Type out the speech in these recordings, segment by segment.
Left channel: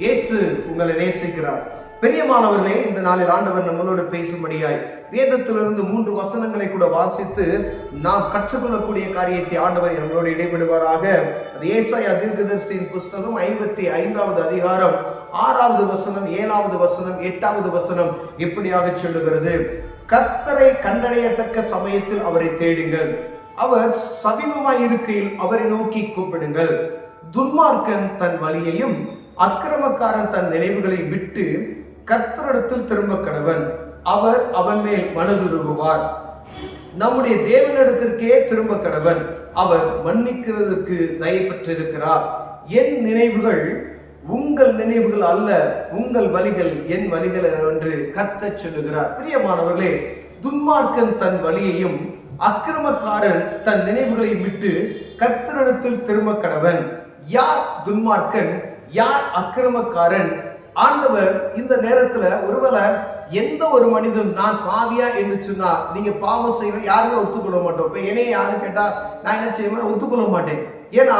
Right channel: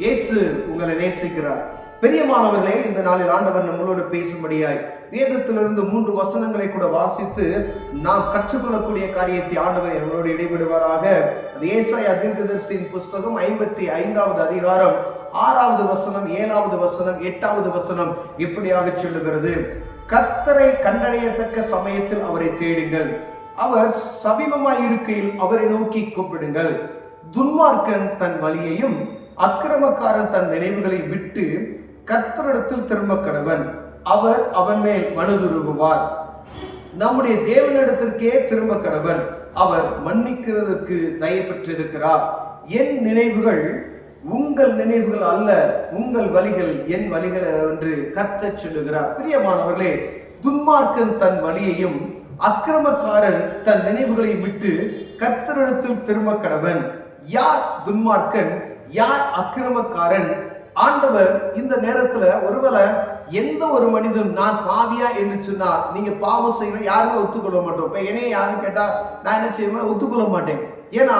இயேசு உங்களை நேசிக்கிறார். பிரியமானவர்களே, இந்த நாளில் ஆண்டவர் நம்மளோடு பேசும்படியாய் வேதத்திலிருந்து 3 வசனங்களை கூட வாசித்து நாம் கற்றுக்கொள்ளக்கூடிய காரியத்தை ஆண்டவர் நம்மளோடு இடைபெறுவாராக. அது ஏசாயா தீர்க்கதரிசியின் புஸ்தகம் 55வது அதிகாரம் 6வது வசனம், 7வது வசனம், 8வது வசனம் இப்படியாக சொல்லுகிறது: கர்த்தரை கண்டடையத்தக்க சமயத்தில் அவரை தேடுங்கள், அவர் சமீபமாய் இருக்கையில் அவரை நோக்கி கூப்பிடுங்கள். துன்மார்க்கன் தன் வழியையும் அக்கிரமக்காரன் தன் நினைவுகளை விட்டு கர்த்தரிடத்தில் திரும்ப கடவன், அவர் அவன் மேல் மனதுருகுவார். நம்முடைய தேவனிடத்திற்கே திரும்ப கடவன், அவர் மன்னிக்கிறதற்கு தயை பெற்றிருக்கிறார். என் நினைவுகள் உங்கள் நினைவுகள் அல்ல, உங்கள் வழிகள் என் வழிகள் என்று கர்த்தர் சொல்லுகிறார். பிரியமானவர்களே, துன்மார்க்கன் தன் வழியையும் அக்கிரமக்காரன் தன் நினைவுகளையும் விட்டு கர்த்தரிடத்தில் திரும்ப கடவன். யார் துன்மார்க்கன், யார் அக்கிரமக்காரன்? ஆண்டவர் இந்த நேரத்துல ஒருவேளை எந்த ஒரு மனிதன் நான் பாவியா என்று சொன்னா, நீங்க பாவம் செய்ய யாருமே ஒத்துக்கொள்ள மாட்டோம். இப்ப என்னைய யாரும் கேட்டா நான் என்ன செய்வேன்? ஒத்துக்கொள்ள மாட்டேன். ஏன்னா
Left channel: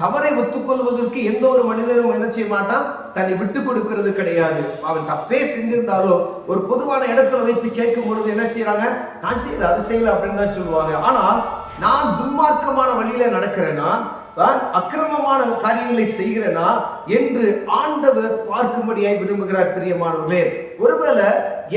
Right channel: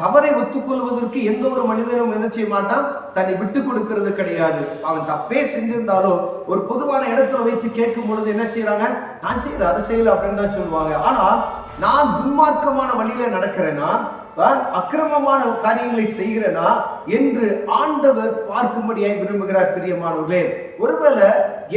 தவறை ஒத்துக்கொள்வதற்கு எந்த ஒரு மனிதனும் என்ன செய்ய மாட்டான்? தன்னை விட்டு கொடுக்கிறது கிடையாது. அவன் தப்பே செஞ்சிருந்தாலும் ஒரு பொதுவான இடத்துல வைத்து கேட்கும் பொழுது என்ன செய்யறாங்க? நான் செய்யல, அதை செய்யல அப்படின்னு தான் சொல்லுவாங்க. ஆனா நான் துன்மார்க்கமான வழியில நடக்கிறேன்னா, அக்கிரமமான காரியங்களை செய்கிறேனா என்று ஆண்டவர் பார்க்கும்படியாய் விரும்புகிறார். பிரியமானவர்களே, ஒருவேளை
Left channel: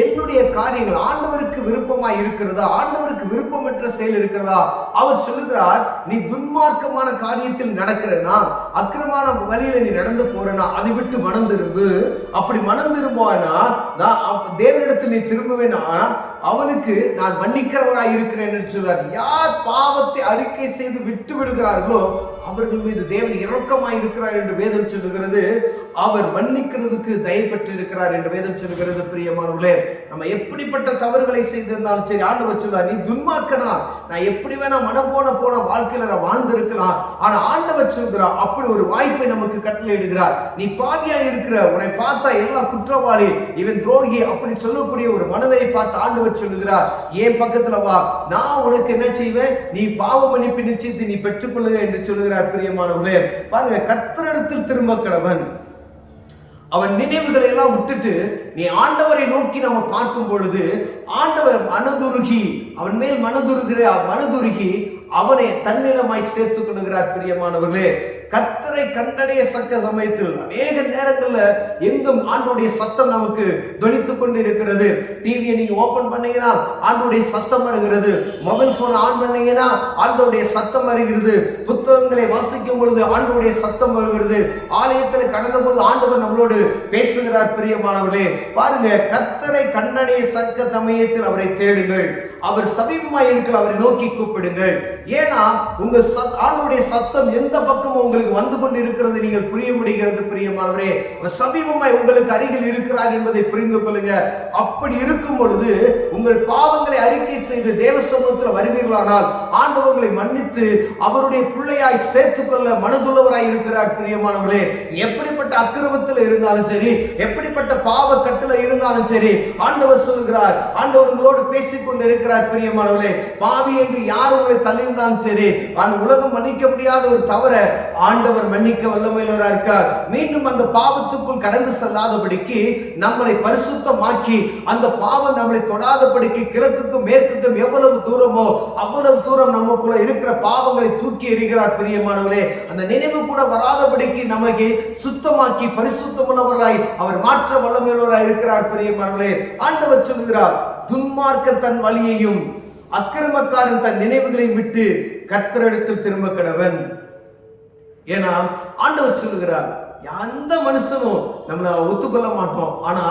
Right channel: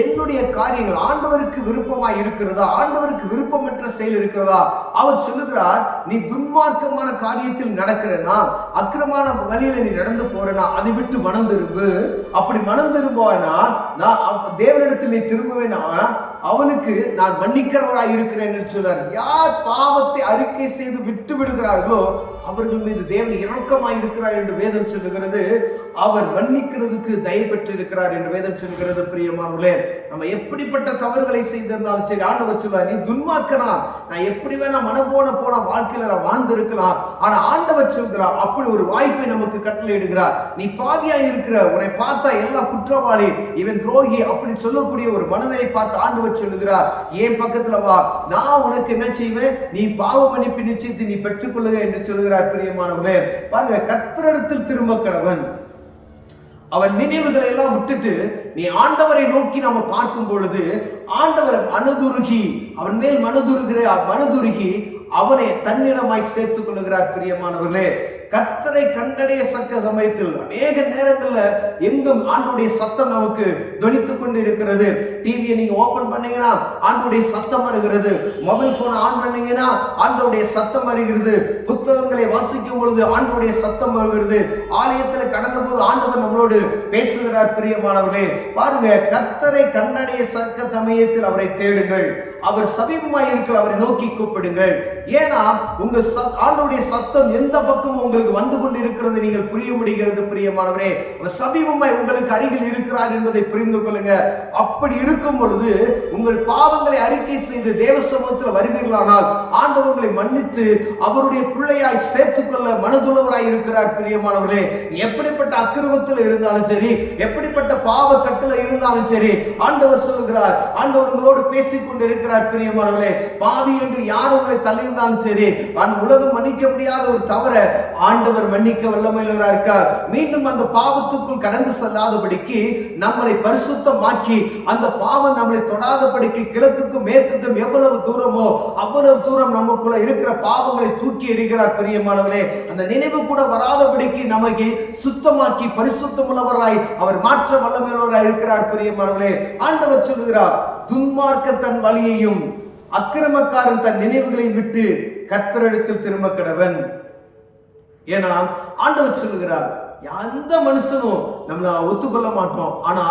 என்னுடைய காரியங்கள் ஆண்டவருக்கு விருப்பமாய் இருக்கிறதா, ஆண்டவருக்கு விருப்பமற்ற செயல் இருக்கிறதா? அவர் சொல்லுகிறார், நீ துன்மார்க்கமான காரியத்தில் நடக்கிறனா, அக்கிரமான வழியில நீ நடந்து போறனா, அதை விட்டு மனம் திரும்பு. அப்படி மனம் திரும்புவானா, நான் தேவனிடத்தில் நீ திரும்புவேனா, அவனுக்கு நான் மன்னிக்கிறவராய் இருக்கிறேன் என்று சொல்றார். யார் பாவத்தை அறிக்கை செய்து விட்டு விடுகிறார்களோ அவர்கள் மீது தேவன் இரக்கமாய் இருக்கிறார் என்று வேதம் சொல்லுகிறது. அவர் மன்னிக்கிறதுக்கு தயை பெற்றிருக்கிறார் என்று வேதம் சொல்லுகிறது. பிரியமானவர்களே, நம்ம எப்படிப்பட்ட தவறுகளை செய்திருந்தாலும் சரி, ஆண்டவர் சொல்றார், நீ துன்மார்க்கனா, நான் எப்படி வேணா மனம் போன வாழ்க்கையில நான் வாழ்ந்திருக்கலாம். ஆனா ஆண்டவர் சொல்கிறார், அப்படி ஒரு வாய்ப்பை நமக்கு கட்டளை இடுகிறார். நீ பாவியா இருக்கிற, உன்னை பார்த்தா எல்லாம் குற்றவாளி, இவன் துரோகி அப்படி சொல்லக்கூடிய ஒரு மனதை பார்த்து ஆண்டவர் சொல்லுகிறார், ஏன் பக்கத்துல வா, நான் உனக்கு என்ன செய்வேன்? நீ பாவ மன்னிப்பு நிச்சயத்தை நீ பெற்றுக்கொள்ளுக என்று சொல்லுகிறார். பிரியமானவர்களே, பாருங்க, கர்த்தரிடத்தில் திரும்ப கடவன். அவன் நினைவுகளை எல்லாம் விட்டுட்டு நீ ஆண்டவரை நோக்கி நம்ம பார்க்கும் பொழுது ஆண்டவர் மனதுருகி, அவன் மேல் மனதுருகி அவனை தன்னிடமாய் சேர்த்துக் கொள்கிறார். பிரியமானவர்களே, கர்த்தரை கண்டடைய சக்க சமயத்தில் அநேக நேரங்கள்ல எங்கும் ஆண்டோடைய சத்தம் நமக்கு தொனித்துக் கொண்டு இருக்கிறது. டிவியை நீங்க ஓபன் பண்ணீங்கன்னா ஆண்டோடைய சத்தம் வருகிறது. மொபைல் போனை ஆன் பண்ணீங்கன்னா ஆண்டோடைய சத்தம் வருகிறது. புத்தகங்களை வாசிக்கும் பொழுது ஆண்டோடைய சத்தம் வருகிறது. ஆலயத்தில் கடந்த போது ஆண்டவர் நம்மளோடு பேசுகிறார். பிரியமானவர்களே, பாருங்க, கர்த்தரை கண்டடைய சக்க சமயத்தில் அவரை தேடுங்கள், அவர் சமீபமாய் இருக்க அவரை நோக்கி கூப்பிடுங்கள். ஏன்னா உங்க ஆண்டவருடைய சத்தம் எந்த பக்கமும் உங்களுக்கு வந்து கொண்டு இருக்கிறது நீங்கள் புரிய முடிகிறது. பிரியமானவரே, அவர் சமீபமாய் உங்களுக்கு அருகில் இருக்கிறார் என்பதை புரிந்து கொள்ளுங்க. அப்படி இருக்கும் பொழுது உங்கள் பாவங்களை அறிக்கை செய்து தேவ சமூகத்தில் வருவீர்களானால் ஆண்டவர் உங்களை மன்னித்து அவருடைய பிள்ளையாய் சேர்த்துக்கொள்ள மனதுள்ளவராய் இருக்கிறார். பிரியமானவர்களே, எப்படிப்பட்ட அக்கிரமத்தில் இருந்தாலும் சரி, எப்படிப்பட்ட பாவ கட்டில இருந்தாலும் சரி, ஆண்டவர் சொல்லுகிறார், ஆண்டவர் உங்களோடு பேசிக்கொண்டு இருக்கிறார். பிரியமானவர்களே, பாவி என்று யார் உங்களை தள்ளியிருந்தாலும் சரி, அந்த உலகம் மன்னிக்க முடியாத ஒரு தவற ஆண்டவர் மன்னிக்க வல்லமையுள்ளவராக இருக்கார். மீண்டும் அந்த பாவத்துக்குள் கடந்து செல்லாதபடிக்கு நம்மளை பரிசுத்தமாக்கி அந்த பாவம் நம்மளை தொடாதபடிக்கு கிழக்குக்கும் மேற்குக்கும் எவ்வளவு தூரமோ அவ்வளவு தூரம் நமக்குள்ள இருக்கிற பாவங்களை தூக்கி எறிகிறார். பிரியமானவர்களே, அந்த நினைவு கூட வராதபடிக்கு நமக்கு சுத்தமாக்கி பரிசுத்தமுள்ளவர்களாய் அவர் மாற்ற வல்லமையுள்ளவராய் இருக்கிறார். பிரியமானவர்களே, ஆண்டவர் சொல்லுகிறார், துன்மார்க்கன் தன் வழியையும் அக்கிரமக்காரன் தன் நினைவுகளையும் விட்டு கர்த்தரிடத்தில் திரும்ப கடவன். ஏன்னா ஆண்டவர் சொல்லுகிறார், எந்த மனுஷனும் நம்மள ஒத்துக்கொள்ள மாட்டோம். ஆனா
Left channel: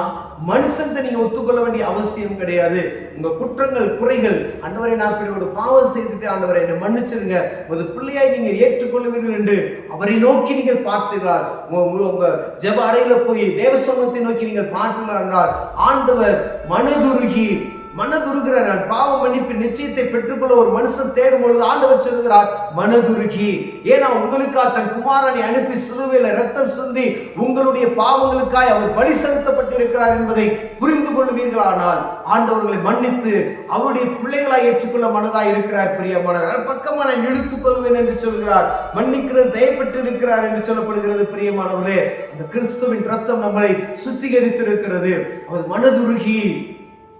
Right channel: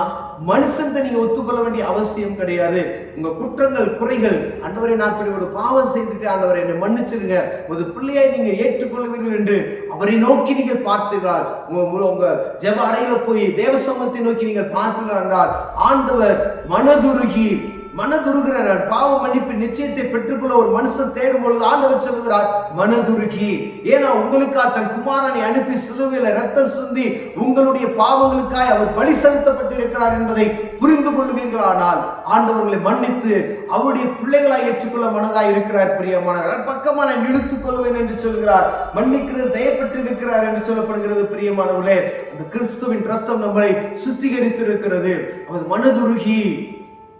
மனுஷன் நீங்க ஒத்துக்கொள்ள வேண்டிய அவசியம் கிடையாது. உங்க குற்றங்கள் குறைகள், ஆண்டவரை நான் இப்படி ஒரு பாவம் செய்துட்டு ஆண்டவரை என்னை மன்னிச்சிருங்க, ஒரு பிள்ளையாய் நீங்க ஏற்றுக்கொள்வீர்கள் என்று அவரை நோக்கி நீங்கள் பார்த்தீர்கள். உங்க ஜெப அறையில போய் தேவ சமூகத்தை நோக்கி நீங்கள் பார்த்தீர்கள் என்றால் ஆண்டவர் மனதுருகிற நான் பாவ மன்னிப்பு நிச்சயத்தை பெற்றுக்கொள்ள ஒரு மனுஷன் தேடும் பொழுது ஆண்டவர் சொல்லுகிறார் மனதுருகி. ஏன்னா உங்களுக்காக தன் குமாரனை அனுப்பி சிலுவையில ரத்தம் சிந்தி உங்களுடைய பாவங்களுக்காய் அவர் பலி செலுத்தப்பட்டிருக்கிறார் என்பதை புரிந்து கொள்வீர்களானால் ஆண்டவர்களை மன்னித்து அவருடைய பிள்ளைகளாய் ஏற்றுக்கொள்ள மனதாய் இருக்கிறார். பிரியமானவர் பக்கமா நான் இழுத்துக் கொள்வேன் என்று சொல்கிறார். மன்னிக்கிறது தயப்பட்டு இருக்கிறார் என்று சொல்லப்படுகிறது. பிரியமானவர்களே, அந்த கிறிஸ்துவின் ரத்தம் நம்மை சுத்திகரித்திருக்கிறது. அவர் மனதுருகி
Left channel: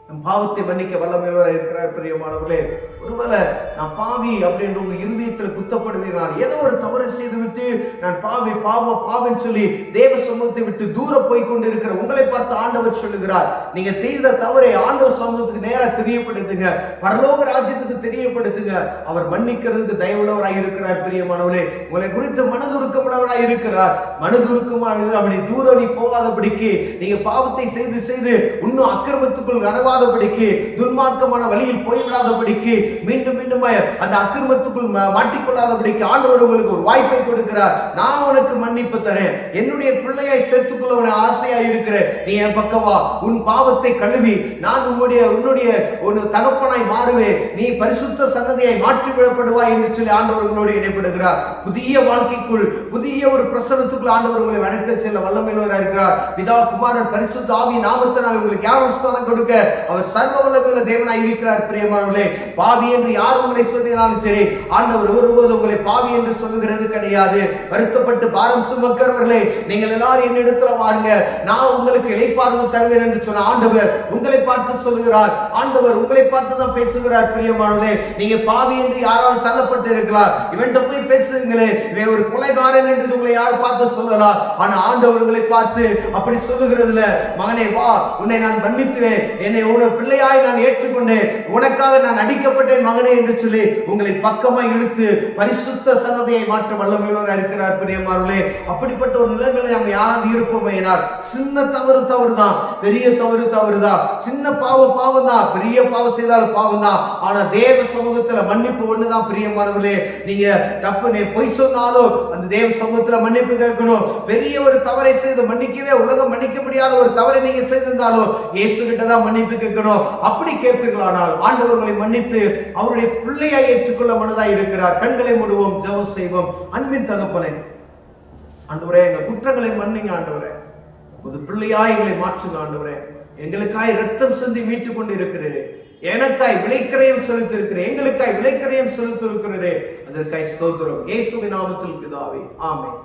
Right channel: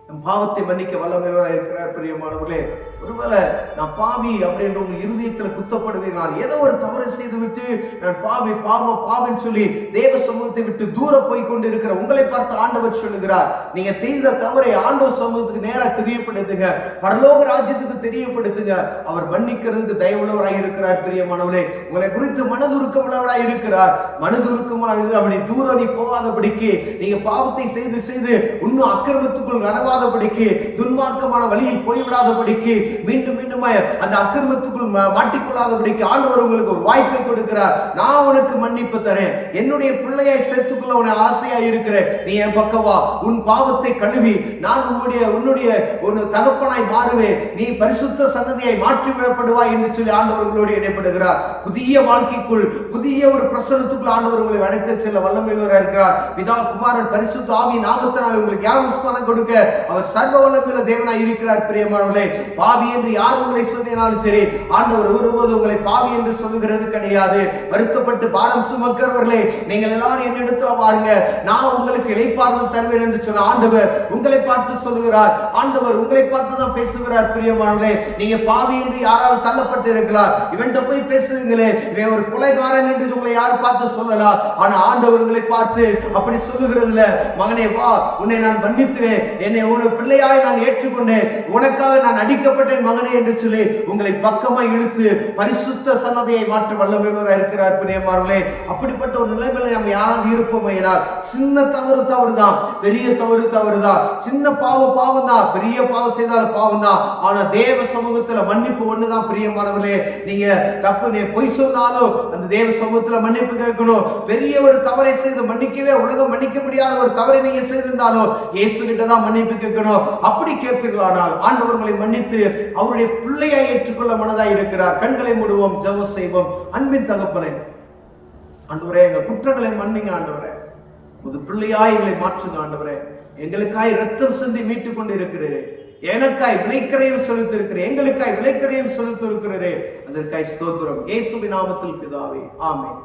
நம் பாவத்தை மன்னிக்க வல்லமையாக இருக்கிறார். பிரியமானவர்களே, ஒருவேளை நான் பாவி அப்படின்ற உங்க இருதயத்தில் குத்தப்படுவீர்கள். ஏதோ ஒரு தவறை செய்து விட்டு நான் பாவி பாவம் சொல்லி தேவ சமூகத்தை விட்டு தூர போய் கொண்டு இருக்கிற உங்களை பார்த்து ஆண்டவர் சொல்லுகிறார், நீங்க செய்த தவறை ஆண்டவர் சமூகத்துக்கு நேராக தெரியப்படுத்துங்க, பரலோக ராஜ்யத்துக்கு தெரியப்படுத்துங்க. அவர் மன்னிக்கிறதுக்கு தயவுள்ளவராய் இருக்கிறார். பிரியமானவர்களே, உங்களை குறித்து மனதுருக்கமுள்ளவராய் இருக்கிறார். மனதுருக்கமாக அவனை தூரம் நீ போகாதபடிக்கு, நீங்க பாவத்தை செய்து செய்து இன்னும் அக்கிரமத்துக்குள் நடவாதபடிக்கு, துன்மார்க்கமான வழியில் போய்விடாதபடிக்கு, மீண்டும் மீண்டும் அந்த அக்கிரமத்துக்குள் மாட்டிக்கொள்ளாதபடிக்கு ஆண்டவர் உங்களுக்கு ஒரு வாய்ப்பை கொடுக்கிறார். நான் உனக்கு மன்னிப்பு தரேன், என்னுடைய பிள்ளையாய் சேர்த்துக்குள்ள உன ஆசையாய் இருக்கிறேன், நீ என் பக்கவா, உன் பாவத்தை கழுவி நான் உன்னுடைய தகப்பனாய் மாறுவேன், நீ பரிசுத்த சன்னதியாய் மாற்றிவிடப்படுவாய் என்று சொல்லி ஆண்டவர் உங்களோடு இடைப்படுகிறார். புதிய வாழ்க்கைக்குள், புதிய ஒரு பிரசனத்துக்குள் ஆண்டவர் உங்களை அழைத்து செல்ல வல்லமையுள்ளவராக இருக்கிறார். பிதா குமாரன் பரிசுத்த ஆவி நாமத்தினால் உங்களுக்கு ஞானஸ்தானம் கொடுக்க அவர் சர்வ வல்லமையுள்ள தேவனாய் இருக்கிறார். பிரியமானவர்களே, பாவி என்று யார் உங்களை சொன்னாலும் சரி, ஆண்டவர் ஒருபோது உங்களை பாவி என்று சொல்லுகிறது கிடையாது. வருத்தப்பட்டு பாரம் சுமக்கிறவர்களே, நீங்கள் எல்லாரும் என்னிடத்துல வாருங்க, நான் உங்களுக்கு இளைப்பாறுதல் தருவேன் என்று சொன்ன ஆண்டவர் உங்களை பார்த்து சொல்லுகிறார். ஆண்டவர் உங்களை பார்த்து தான் பேசுகிறார். பிரியமானவர்களே, நீங்க பாவி என்று யாராவது தள்ளப்பட்டு இருக்கலாம், இவன்கிட்ட போய் பேசுங்களே, இவன் ஒரு கொலைகாரன் என்று உங்களை யார் பார்த்து சொல்லலாம். ஆனா ஆண்டவர் உங்களை பார்த்து அப்படி சொல்லுகிறதுல, மகனே வா, உன்னை நான் மன்னித்துவேன், என்னை உன பிள்ளையாய் நான் ஏற்றுக்கொண்டேன், உனக்காக நான் அடிக்கப்பட்டேன் மகனே என்று சொல்லி உங்களை பக்கமாய் இழுத்து பரிசுத்த சன்னதியை மாற்ற வல்லமையுள்ளவராக இருக்கிறார். பிரியமானவர்களே, அப்படிப்பட்ட ஒரு நிலைமையில நம்ம யாராவது இருப்போம் என்றால், சின்ன தவறு தான், பெரிய தவறு தான், சின்ன பாவம் தான், பெரிய பாவம் செய்தாலும் பாவம் தான். ஆனா தேவ சமூகத்துல மன்னிப்பு ஒண்ணுதான். பிரியமானவர்களே, நீங்க தப்பு பொய் சொன்னாலும் அந்த தேவ சமூகத்துல மன்னிப்பு கேட்கணும். பெரிய ஒரு தவறை செய்து மன்னிக்கவே உலகம் மன்னிக்க முடியாத ஒரு தவறை நீங்க செய்திருந்தாலும் இயேசு கிட்ட தான் மன்னிப்பு கேட்கணும். அப்படி கேட்பீர்களானால் ஆண்டவர்களை மன்னித்து அவருடைய பிள்ளையாய் ஏற்றுக்கொள்ள மனதாய் இருக்கிறார். கண்களை மூடுவோம், ஜெபம் செய்வோம். அன்பின் தகப்பனே, ஆண்டவரே, எங்கள் குற்றங்களை மன்னிங்க ஆண்டவரே, புது பிள்ளையாய் எங்களை மாற்றுங்க ஆண்டவரே. எங்களுக்காய் ரத்தம் சிந்தி மீட்டுக் கொண்டு இருக்கிறீரே, எனக்காய் விலைக்கரையும் செலுத்திருக்கிறேன், எங்களுக்காய் விலைக்கரையும் செலுத்திருக்கிறீரே, அதற்காய் ஸ்தோத்திரம். இயேசுவின் நாமத்தில் பிதாவே, ஆமென்.